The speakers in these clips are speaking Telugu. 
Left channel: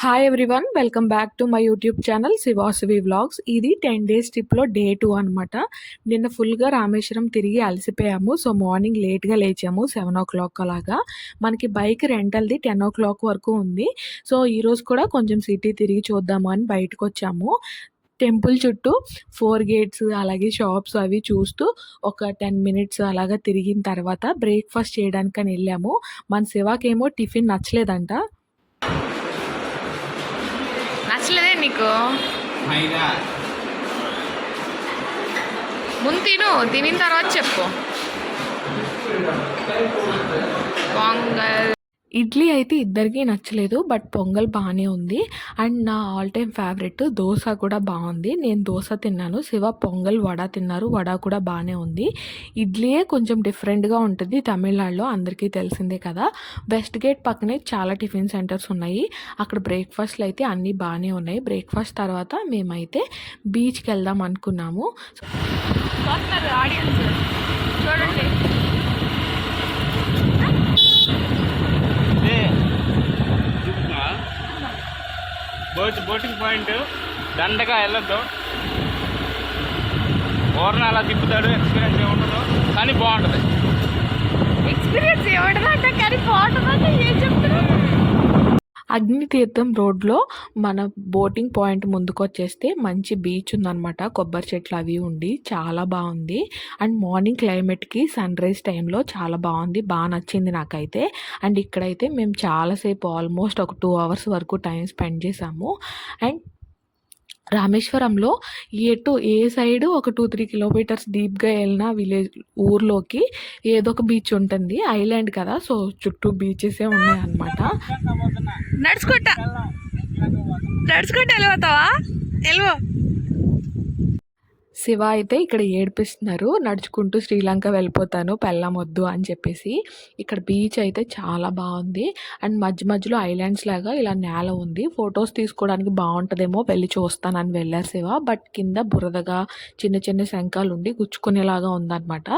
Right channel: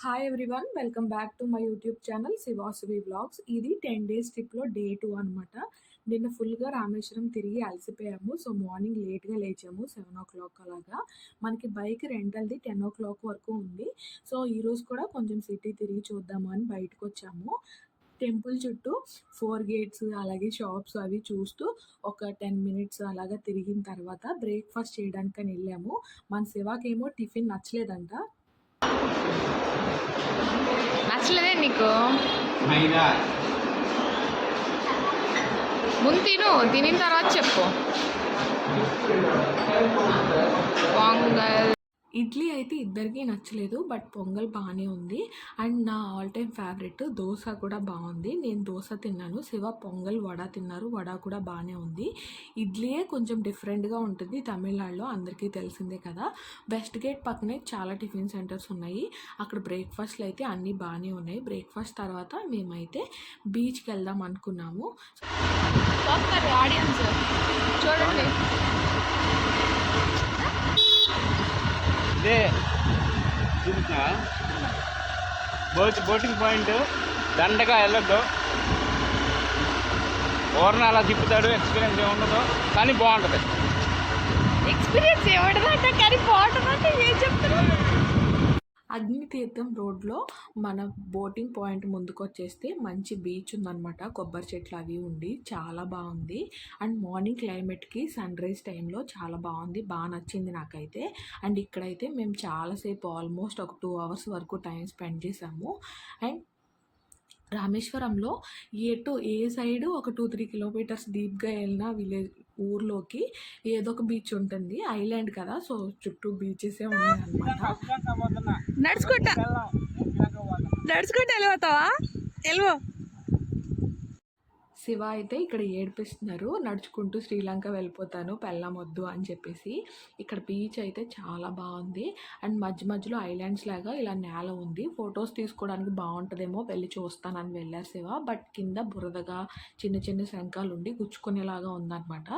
Hi everyone, welcome back to my YouTube channel Sivasavi vlogs. ఇది 10 డేస్ ట్రిప్లో డే 2 అనమాట. నిన్న ఫుల్గా రామేశ్వరం తిరిగి అలసిపోయాము. సో మార్నింగ్ లేట్గా లేచాము, 7 o'clock అలాగా. మనకి బైక్ రెంటల్ది 10 o'clock వరకు ఉంది. సో ఈరోజు కూడా కొంచెం సిటీ తిరిగి చూద్దాము అని బయటకు వచ్చాము. టెంపుల్ చుట్టూ 4 గేట్స్ అలాగే షాప్స్ అవి చూస్తూ ఒక 10 మినిట్స్ అలాగా తిరిగిన తర్వాత బ్రేక్ఫాస్ట్ చేయడానికని వెళ్ళాము. మన శివాకేమో టిఫిన్ నచ్చలేదంట. నచ్చలేదే నీకు? ముందు తినిన తర్వాత చెప్పు. పొంగల్ ఇడ్లీ అయితే ఇద్దరికీ నచ్చలేదు, బట్ పొంగల్ బాగానే ఉంది. అండ్ నా ఆల్ టైమ్ ఫేవరెట్ దోశ కూడా బాగుంది. నేను దోశ తిన్నాను, శివ పొంగల్ వడ తిన్నారు, వడ కూడా బాగానే ఉంది. ఇడ్లీయే కొంచెం డిఫరెంట్గా ఉంటుంది తమిళనాడులో, అందరికీ తెలిసిందే కదా. వెస్ట్ గేట్ పక్కనే చాలా టిఫిన్ సెంటర్స్ ఉన్నాయి, అక్కడ బ్రేక్ఫాస్ట్లు అయితే అన్నీ బాగానే ఉన్నాయి. బ్రేక్ఫాస్ట్ తర్వాత మేమైతే బీచ్కి వెళ్దాం అనుకున్నాము. ఆడియన్స్ చూడండి. బోటింగ్ పాయింట్ దండగా వెళ్ళొద్దు, ఓర్న అలా తిప్పుతాడు. ఎక్స్పీరియన్స్ ఏముండదు కానీ బాగుంటుంది. ఎక్స్పీరియన్స్ ఏమంటుందంటే కానీ బాగుంటుందంటే ఏం చెప్తున్నారు? అగ్నితీర్థం రోడ్లో మన బోటింగ్ పాయింట్ ముందుకు వచ్చేస్తే మంచి బీచ్ ఉందన్నమాట, కొబ్బరి చెట్లు అవి ఉండి చాలా బాగుంది. అండ్ మార్నింగ్ క్లైమేట్కి సన్ రైజ్ టైంలో చాలా బాగుంది, బాగా నచ్చింది నాకైతే. అండ్ ఇక్కడైతే మేము చాలాసేపు ఆల్మోస్ట్ ఒక 2 hours వరకు టైం స్పెండ్ చేసాము. అండ్ రామేశ్వరంలో ఏ సైడు ఒక 2-3 kilometers డీప్గా వెళ్ళిన ఊర్లోకి ఏదో ఒక బీచ్ ఉంటుంది. ఐలాండ్ కదా, సో చుట్టూ బీచెసే ఉన్నాయన్నమాట. నడుచుకుంటా వెళ్ళిపోతావా? వెళ్ళిపో. శివ అయితే ఇక్కడ ఏడిపిస్తున్నారు, నడుచుకుంటూ శ్రీలంక వెళ్ళిపోతాను పెళ్ళాం వద్దు అని చెప్పేసి. ఇక్కడ బీచ్ అయితే చాలా బాగుంది. అండ్ మధ్య మధ్యలో ఐలాండ్స్ లాగా ఇలా నేల ఉంది, ఫొటోస్ తీసుకోవడానికి బాగుంటుందేమో వెళ్ళి చూస్తానని వెళ్ళారు శివ. బట్ కింద బురదగా చిన్న చిన్న శంఖాలు ఉండి గుచ్చుకునేలాగా ఉందన్నమాట.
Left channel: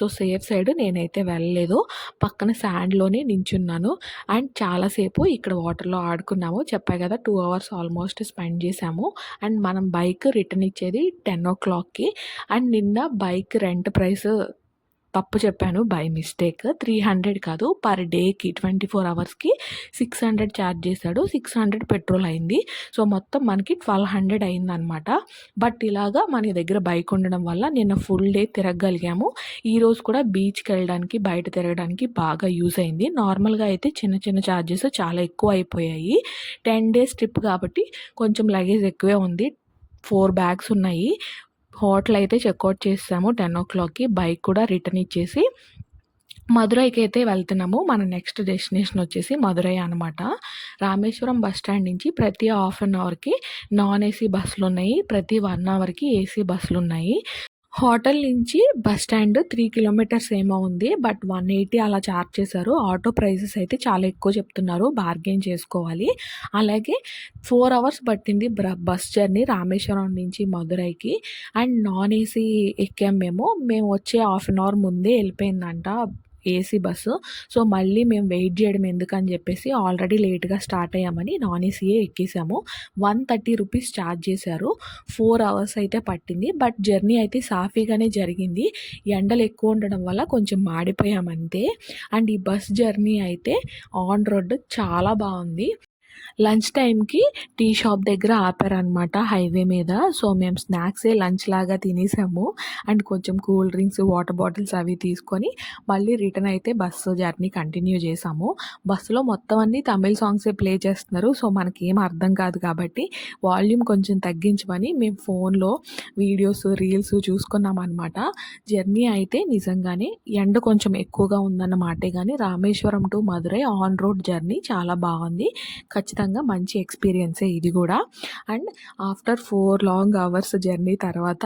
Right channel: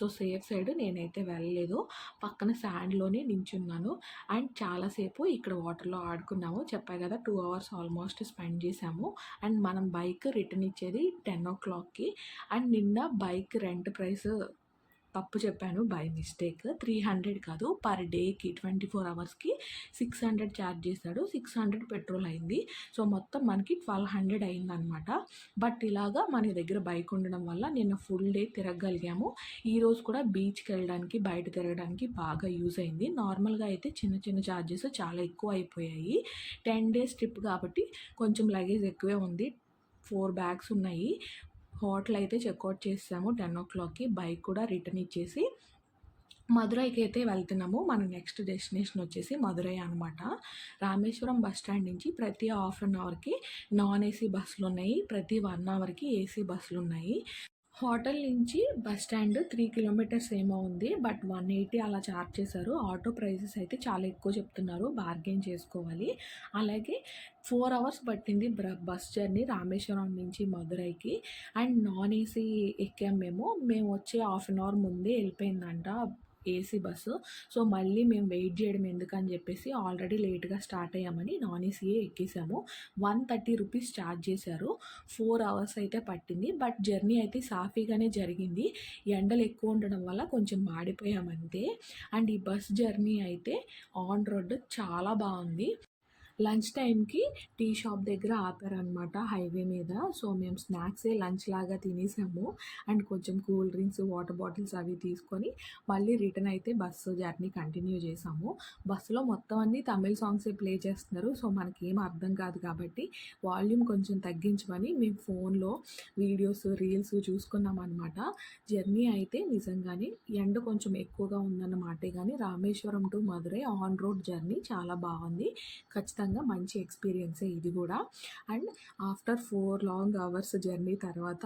సో సేఫ్ సైడ్ నేనైతే వెళ్ళలేదు, పక్కన శాండ్లోనే నించున్నాను. అండ్ చాలాసేపు ఇక్కడ వాటర్లో ఆడుకున్నాము, చెప్పా కదా 2 hours ఆల్మోస్ట్ స్పెండ్ చేసాము. అండ్ మనం బైక్ రిటర్న్ ఇచ్చేది 10 o'clock. అండ్ నిన్న బైక్ రెంట్ ప్రైస్ తప్పు చెప్పాను బై మిస్టేక్, 300 కాదు, పర్ డేకి 24 hours 600 ఛార్జ్ చేశాడు. 600 పెట్రోల్ అయింది. సో మొత్తం మనకి 1200 అయిందనమాట. బట్ ఇలాగా మన దగ్గర బైక్ ఉండడం వల్ల నిన్న ఫుల్ డే తిరగగలిగాము. ఈరోజు కూడా బీచ్కి వెళ్ళడానికి బయట తిరగడానికి బాగా యూజ్ అయింది. నార్మల్గా అయితే చిన్న చిన్న ఛార్జెస్ చాలా ఎక్కువ అయిపోయాయి. 10 days ట్రిప్ కాబట్టి కొంచెం లగేజ్ ఎక్కువే ఉంది, 4 bags ఉన్నాయి. హోటల్ అయితే చెక్అవుట్ చేసాము 10 o'clock. బైక్ కూడా రిటర్న్ ఇచ్చేసి మధురైకి అయితే వెళ్తున్నాము. మన నెక్స్ట్ డెస్టినేషన్ వచ్చేసి మధురై అనమాట. రామేశ్వరం బస్ స్టాండ్ నుంచి ప్రతి 1/2 hourకి నాన్ ఏసీ బస్సులు ఉన్నాయి, ప్రతి 1 hourకి ఏసీ బస్సులు ఉన్నాయి. హోటల్ నుంచి బస్ స్టాండ్ 3 kilometers ఏమో ఉంది, బట్ 180 అలా ఛార్జ్ చేశారు. ఆటో ప్రైసెస్ అయితే చాలా ఎక్కువ చెప్తున్నారు, బార్గెన్ చేసుకోవాలి. అలాగే 4 hours పట్టింది బస్ జర్నీ రామేశ్వరం నుంచి మధురైకి. అండ్ నాన్ ఏసీ ఎక్కాం మేము వచ్చే 1/2 hour ముందే వెళ్ళిపోయిందంట ఏసీ బస్సు. సో మళ్ళీ మేము వెయిట్ చేయడం ఎందుకని చెప్పేసి ఆల్రెడీ లేట్గా స్టార్ట్ అయ్యామని నాన్ ఏసీయే ఎక్కేసాము. 130 rupees ఛార్జ్ చేశారు. 4 hours అయితే పట్టింది, బట్ జర్నీ అయితే సాఫీగానే జరిగింది. ఎండలు ఎక్కువ ఉండడం వల్ల కొంచెం మాడిపోయామంతే. అండ్ ఈ బస్ జర్నీ అయితే ఆన్ రోడ్ చాలా బాగుంది. లంచ్ టైంకి టీ షాప్ దగ్గర ఆపారనమాట హైవే మీద. సో మేము స్నాక్సే లంచ్ లాగా తినేసాము. అండ్ కొంచెం కూల్ డ్రింక్స్ వాటర్ బాటిల్స్ అవి తీసుకొని మళ్ళీ రిటర్న్ అయితే బస్సు జర్నీ కంటిన్యూ చేసాము. బస్సులో మొత్తం అన్నీ తమిళ్ సాంగ్సే ప్లే చేస్తున్నారు. సో మనకేం అర్థం కాదు కాబట్టి వాల్యూమ్ కొంచెం తగ్గించమని మేము ఫోన్లో వీడియోస్ రీల్స్ చూసుకున్నాం అనమాట. జర్నీ అయితే నిజంగానే ఎండ కొంచెం ఎక్కువగా ఉందన్నమాటే, కానీ Rameswaram to Madurai on road journey చాలా బాగుంది. ఖచ్చితంగా మంచి ఎక్స్పీరియన్సే ఇది కూడా. And after 4 long hours journey తర్వాత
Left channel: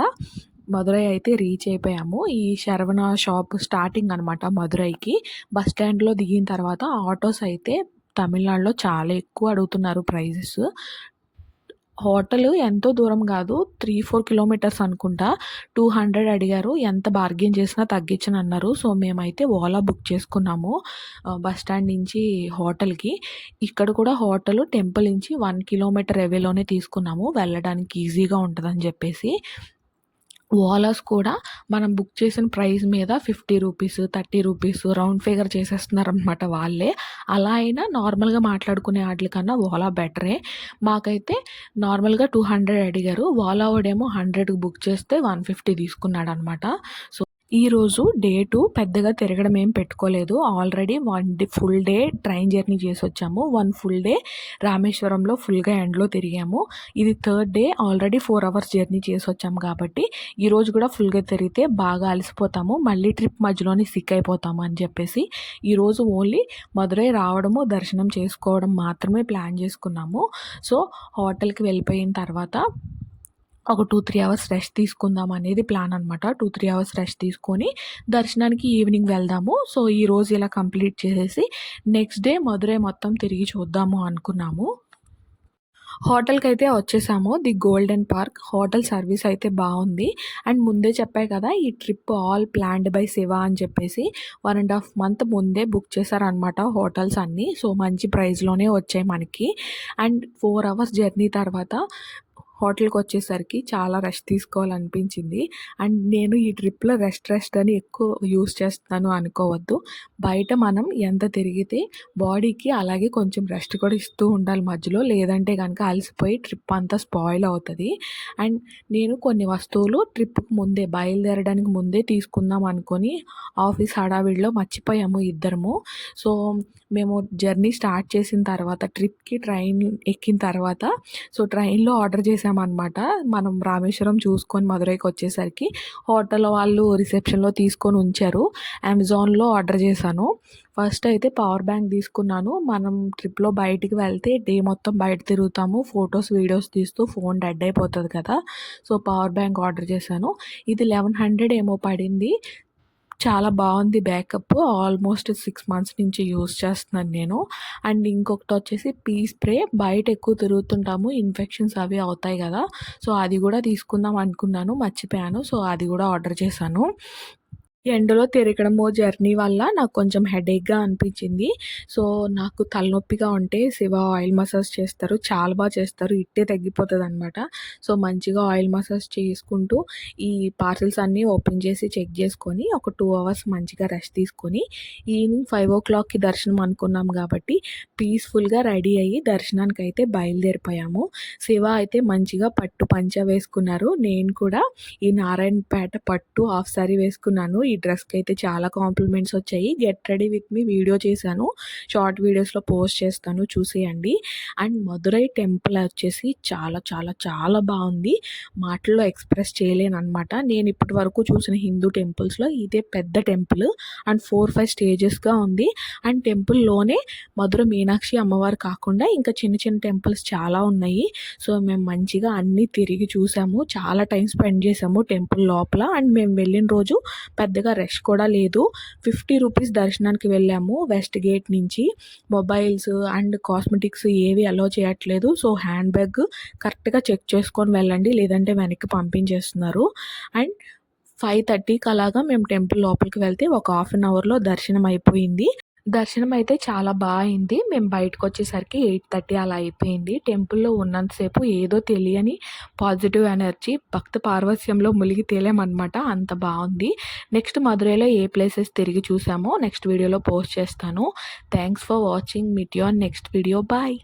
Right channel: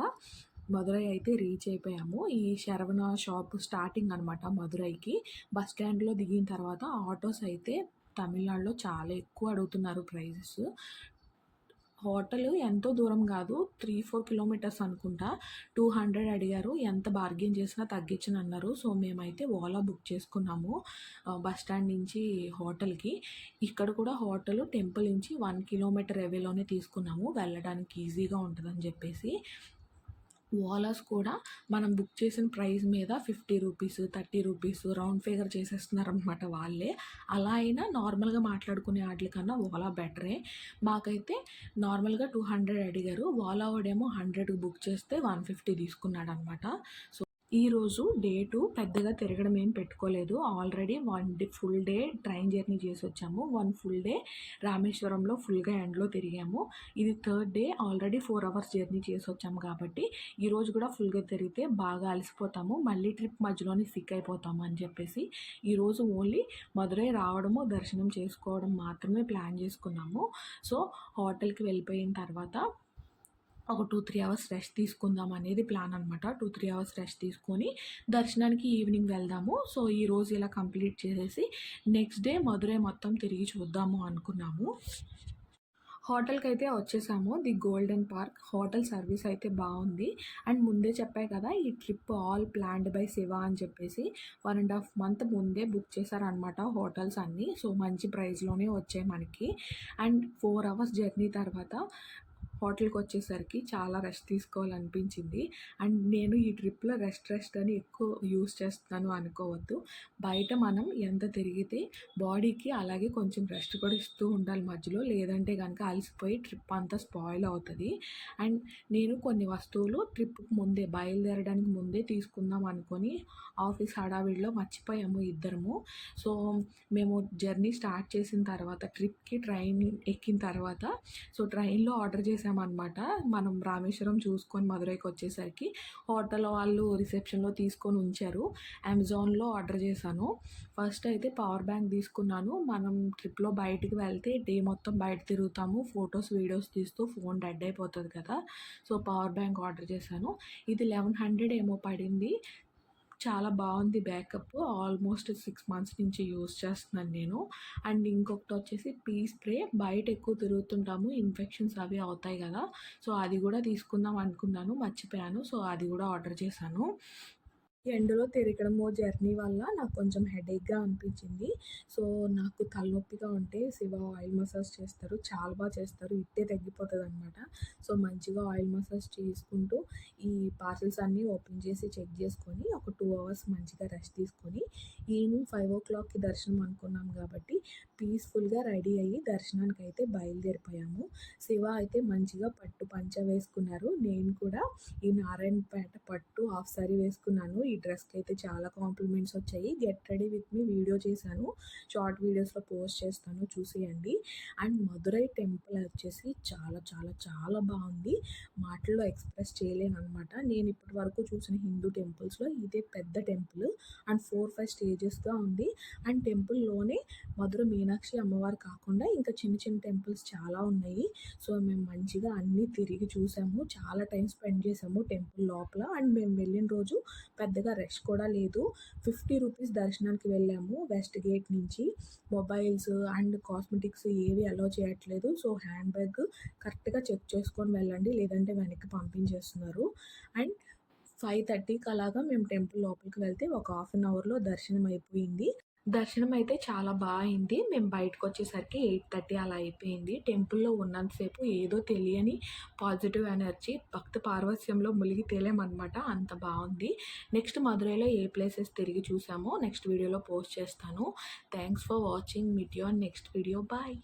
మధురై అయితే రీచ్ అయిపోయాము. ఈ శరవణ షాప్ స్టార్టింగ్ అనమాట మధురైకి. బస్ స్టాండ్లో దిగిన తర్వాత ఆటోస్ అయితే తమిళనాడులో చాలా ఎక్కువ అడుగుతున్నారు ప్రైజెస్. హోటలు ఎంతో దూరం కాదు, 3-4 కిలోమీటర్స్ అనుకుంటా. 200 అడిగారు. ఎంత బార్గెయిన్ చేసినా తగ్గించనన్నారు. సో మేమైతే ఓలా బుక్ చేసుకున్నాము బస్ స్టాండ్ నుంచి హోటల్‌కి. ఇక్కడ కూడా హోటలు టెంపుల్ నుంచి 1 కిలోమీటర్ అవేలోనే తీసుకున్నాము, వెళ్ళడానికి ఈజీగా ఉంటదని చెప్పేసి. ఓలాస్ కూడా మనం బుక్ చేసిన ప్రైస్ మీద ₹50, ₹30 రౌండ్ ఫిగర్ చేసేస్తున్నారనమాట వాళ్ళే. అలా అయినా నార్మల్‌గా మాట్లాడుకునే ఆటిలకన్నా ఓలా బెటరే. మాకైతే నార్మల్‌గా 200 అడిగారు. ఓలా వాడేమో 100కి బుక్ చేస్తే 150 తీసుకున్నాడనమాట. సో ఈరోజు డే 2 పెద్దగా తిరగడం ఏం పెట్టుకోలేదు. Already 1 full day train journey చేసొచ్చాము. 1 ఫుల్ డే రామేశ్వరంలో ఫుల్‌గా ఎండలో తిరిగాము. ఇది third day, already 4 hours journey చేసొచ్చాము కాబట్టి ఈరోజు కూడా ఫుల్‌గా తిరిగితే బాగా అలసిపోతాము. మళ్ళీ ట్రిప్ మధ్యలోనే సిక్ అయిపోతాము అని చెప్పేసి ఈరోజు ఓన్లీ మదురై రావడము, దర్శనం చేసుకోవడం మాత్రమే ప్లాన్ చేసుకున్నాము. సో హోటల్‌కి వెళ్ళిపోయిన తర్వాత ఒక 2-3 అవర్స్ రెస్ట్ తీసుకుందాం అనేది ప్లాన్ అనమాట. 2-3 అవర్స్ రెస్ట్ తీసుకొని దర్శనానికి ఈవినింగ్ వెళ్దాము. సో ఈరోజు ఇలా కంప్లీట్ చేసేసి నెక్స్ట్ డే మదురై మొత్తం తిరిగి చూద్దాము అనుకున్నాము. హోటల్‌కైతే వచ్చేసాము. The golden park. Hotel service అయితే బాగుంది. అండ్ ముందే చెప్పా కదా, ఈ trip all planned by Shiva అని చెప్పేసి 1.5 మంత్ ముందే బుక్ చేశారనమాట హోటల్స్ అన్నీ. సో మంచి ప్రైస్‌లోనే వచ్చాయి మనకి. అండ్ 4 అవర్స్ జర్నీ తర్వాత హోటల్‌కి వచ్చేసరికి చాలా రెస్ట్ తీసుకోవాలనిపించింది. అండ్ నేను ఈ ట్రిప్‌లో రెస్ట్ అని ఎక్కువ యూజ్ చేస్తున్నాను అనుకోవద్దు. బయట మనం ఎంత తిరిగితే బాడీకి అలాగే కొంచెం రెస్ట్ కూడా ఇస్తూ ఉండాలి మధ్యలో. లేదంటే కనుక అలసిపోయి ట్రిప్ అంతా స్పాయిల్ అవుతుంది. అండ్ నేను కొన్ని వస్తువులు ట్రిప్‌కి ముందే, బయలుదేరడానికి ముందే తీసుకుందాం అనుకొని ఆఫీస్ హడావిడిలో మర్చిపోయాము ఇద్దరము. సో మేము జర్నీ స్టార్ట్ చేసిన తర్వాత, ట్రిప్‌కి ట్రైన్ ఎక్కిన తర్వాత ట్రైన్లో ఆర్డర్ చేసామన్నమాట. మనం రామేశ్వరం చూసుకొని మదురైకి వచ్చేసరికి హోటల్ వాళ్ళు రిసెప్షన్‌లో తీసుకొని ఉంచారు. అమెజాన్‌లో ఆర్డర్ చేశాను. ఫస్ట్ అయితే పవర్ బ్యాంక్ తీసుకున్నాను. మనం ట్రిప్‌లో బయటికి వెళ్తే డే మొత్తం బయట తిరుగుతాము. ఫొటోస్, వీడియోస్ తీస్తూ ఫోన్ డెడ్ అయిపోతుంది కదా. సో పవర్ బ్యాంక్ ఆర్డర్ చేశాను. ఇది 1100 ఏమో పడింది. చాలా బాగుంది బ్యాకప్. ఆల్మోస్ట్ 6 మంత్స్ నుంచి యూజ్ చేస్తున్నాను నేను. అండ్ ఇంకొకటి వచ్చేసి పీ స్ప్రే. బయట ఎక్కువ తిరుగుతుంటాము, ఇన్ఫెక్షన్స్ అవి అవుతాయి కదా. సో అది కూడా తీసుకుందాం అనుకున్నాను, మర్చిపోయాను. సో అది కూడా ఆర్డర్ చేశాను. ఎండలో తిరగడము, జర్నీ వల్ల నాకు కొంచెం హెడేక్‌గా అనిపించింది. సో నాకు తలనొప్పిగా ఉంటే శివ ఆయిల్ మసాజ్ చేస్తారు. చాలా బాగా చేస్తారు. ఇట్టే తగ్గిపోతుందనమాట. సో మంచిగా ఆయిల్ మసాజ్ చేసుకుంటూ ఈ పార్సెల్స్ అన్నీ ఓపెన్ చేసి చెక్ చేసుకొని ఒక 2 అవర్స్ మంచిగా రెస్ట్ తీసుకొని ఈవినింగ్ 5:00కి దర్శనం అనుకున్నాం కాబట్టి పీస్‌ఫుల్‌గా రెడీ అయ్యి దర్శనానికి అయితే బయలుదేరిపోయాము. శివ అయితే మంచిగా పట్టు పంచ వేసుకున్నారు. నేను కూడా ఈ నారాయణపేట పట్టు హాఫ్ సారీ వేసుకున్నాను. ఈ డ్రెస్‌కి అయితే చాలా కాంప్లిమెంట్స్ వచ్చాయి. Get ready with me video చేశాను. షార్ట్ వీడియోస్‌లో పోస్ట్ చేస్తాను, చూసేయండి. అండ్ మదురై టెంపుల్ వచ్చేసి చాలా చాలా చాలా బాగుంది. మాటల్లో ఎక్స్ప్రెస్ చేయలేనన్నమాట. నేను ఇప్పటి వరకు చూసిన హిందూ టెంపుల్స్‌లో ఇదే పెద్ద టెంపుల్. అండ్ 4-5 స్టేజెస్‌గా ఉంది. అండ్ టెంపుల్లోనే మధుర మీనాక్షి అమ్మవారు కాకుండా ఇంకా చిన్న చిన్న టెంపుల్స్ చాలా ఉన్నాయి. సో మేము మంచిగా అన్నీ తిరిగి చూసాము. చాలా టైం స్పెండ్ చేసాము టెంపుల్ లోపల. అండ్ మేము వెళ్ళిన రోజు పెద్దగా రష్ కూడా లేదు. ₹50 దర్శనానికి వెళ్ళాము వెస్ట్ గేట్ నుంచి. మొబైల్స్ అండ్ కాస్మెటిక్స్ ఏవి అలో చేయట్లేదు. సో హ్యాండ్ బ్యాగ్ కరెక్ట్గా చెక్ చేసుకొని వెళ్ళండి, లేదంటే వెనక్కి పంపించేస్తున్నారు. అండ్ 5:30కి అలాగా మేము టెంపుల్ లోపలికి వెళ్తే ఒక హాఫ్ అన్ అవర్లో దర్శనం అయిపోయింది. దర్శనం అయితే చాలా అయింది. మేము బయటకొచ్చేసరికి 8:30 అలా అయిపోయింది. టెంపుల్‌లో ఉన్నంతసేపు ఏదో తెలియని పాజిటివ్ ఎనర్జీ, భక్త పారవస్యంలో మునిగి తేలామనమాట. అంత బాగుంది. నెక్స్ట్ మదురైలో ఏ ప్లేసెస్ తిరిగి చూసామో నెక్స్ట్ వీడియోలో పోస్ట్ చేస్తాను. Thanks for watching. Meet you on next video. Bye.